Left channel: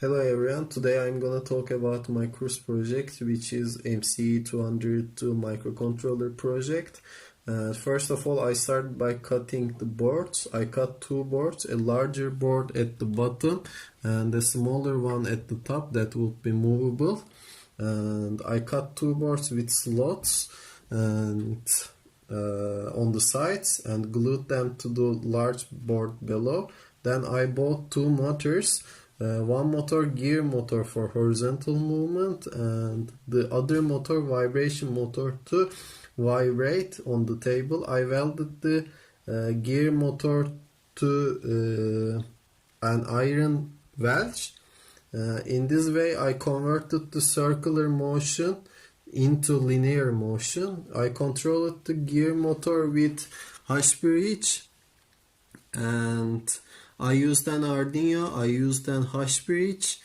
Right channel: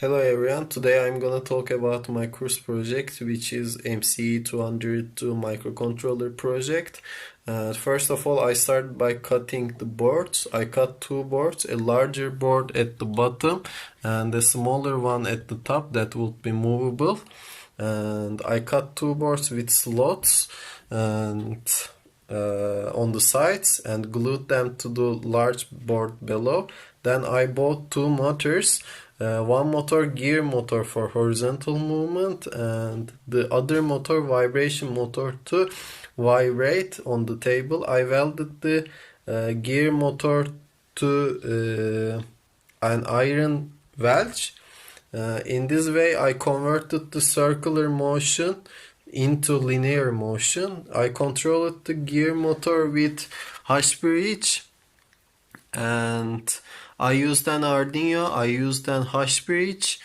Hello everyone, today I'm gonna talk about my course project, which is MCE202 microcontroller project. First of all, I started by cutting the boards. I cut two boards, a larger board at the bottom and a smaller one at the top that would be movable. And I cut two boards with slots and on the sides and glued them to the large board below. Then I bought two motors. One motor gear motor for horizontal movement and the other motor vibration motor to vibrate on the table. I welded the gear motor to an iron wedge. In this way I converted the circular motion into linear motion. I controlled the gear motor with hash bridge and I used an Arduino, I used an hash bridge,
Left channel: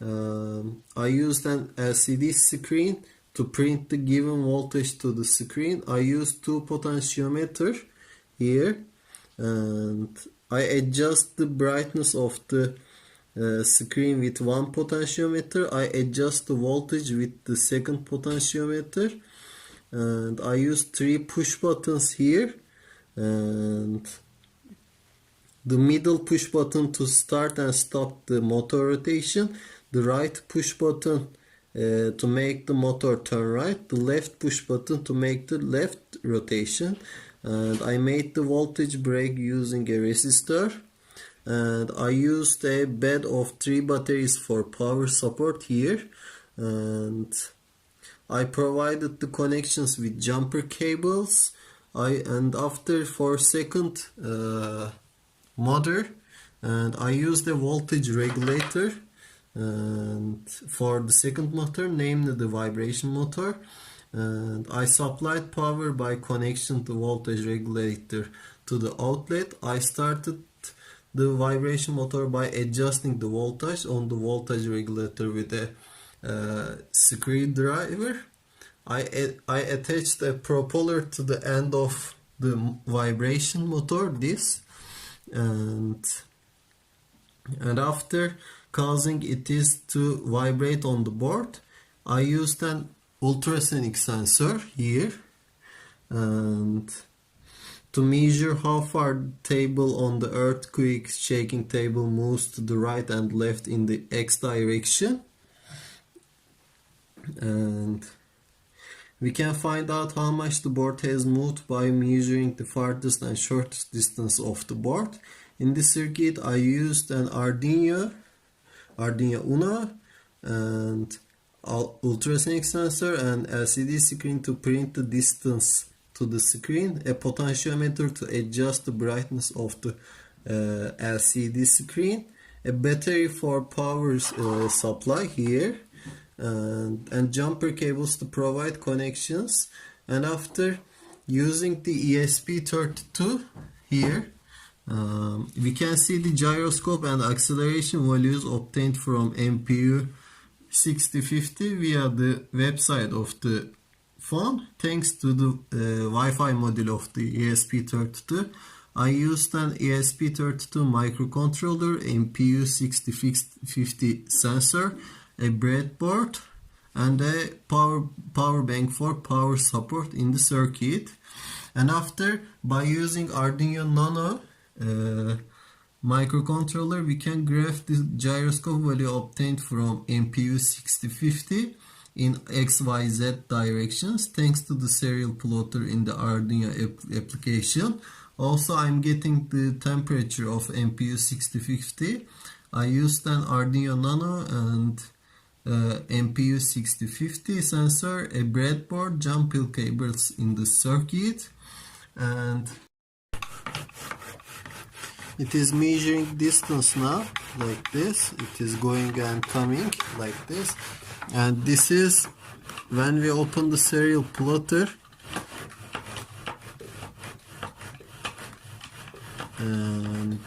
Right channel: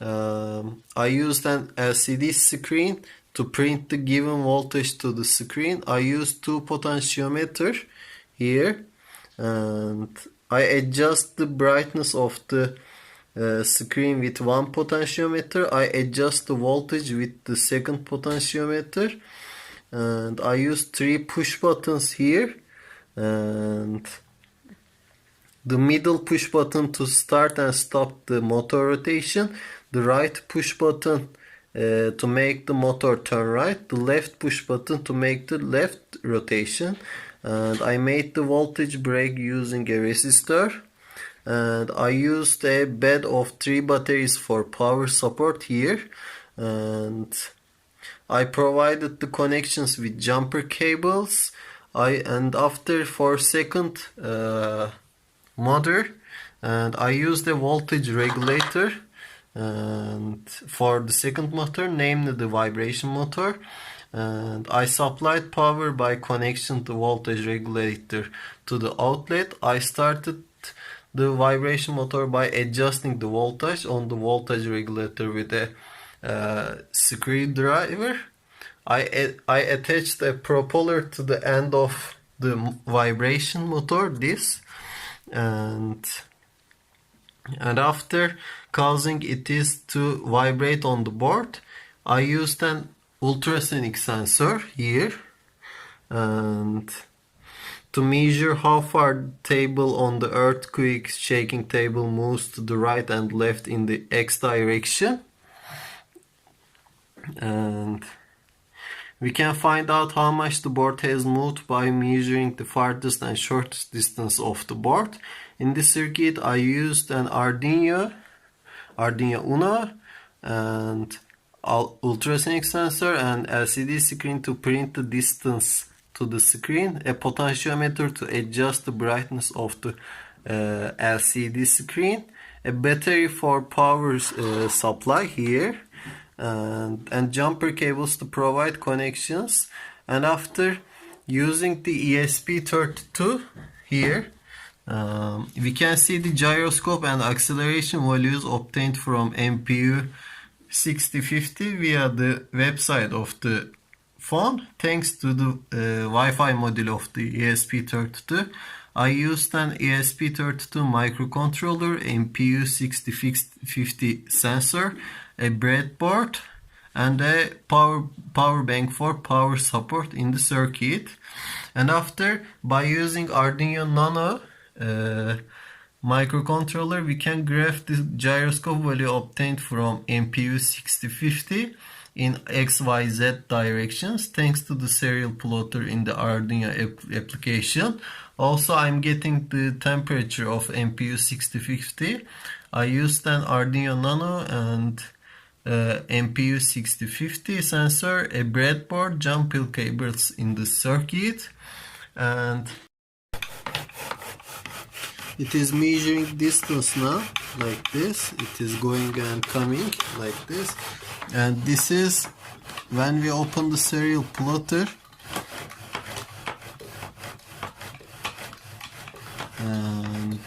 I used an LCD screen to print the given voltage to the screen. I used two potentiometer here and I adjust the brightness of the screen with one potentiometer. I adjust the voltage with the second potentiometer and I used three push buttons here and the middle push button to start and stop the motor rotation, the right push button to make the motor turn right, the left push button to make the left rotation. And I made the voltage break using a resistor. And I used a bed of three batteries for power support here. And I provided the connections with jumper cables. And after 4-second motor, and I used a voltage regulator and for the second motor, namely the vibration motor, and I supplied power by connection to voltage regulator to the outlet. I started the vibration motor by adjusting the voltage on the voltage regulator with a screwdriver. I attached a propeller to the end of the vibration motor, this, and after causing it is to vibrate on the board, I used an ultrasonic sensor here and to measure how far the table on the earthquake shaking table moves to the right and left in the X direction. And we can find out how much the board has moved by measuring the farthest and shortest distance of the board. In this circuit I used an Arduino Uno and ultrasonic sensor and LCD screen to print the distance to the screen, a potentiometer to adjust the brightness of the LCD screen, a battery for power supply here, and jumper cables to provide connections. And after using the ESP32 here, we can see the gyroscope and acceleration values obtained from MPU6050 via the website of the phone thanks to the Wi-Fi module of the ESP32. I used an ESP32 microcontroller, MPU6050 sensor, a breadboard and a power bank for power support in the circuit. And after, by using Arduino Nano microcontroller, we can graph the gyroscope value obtained from MPU6050 in XYZ directions thanks to the serial plotter in the Arduino application. Also, I'm getting the temperature of MPU6050. I used an Arduino Nano and MPU6050 sensor, a breadboard, jump pin cables in the circuit, and it is measuring distance now like this. It is going and coming like this, and this is when we open the serial plotter, and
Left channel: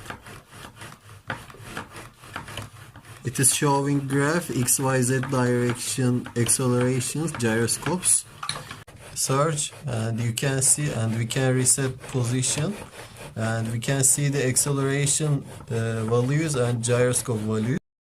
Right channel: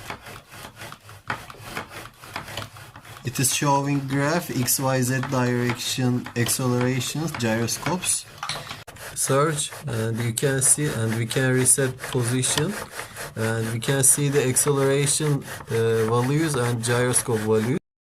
it is showing graph XYZ direction accelerations, gyroscopes, surge, and you can see, and we can reset position, and we can see the acceleration values and gyroscope values.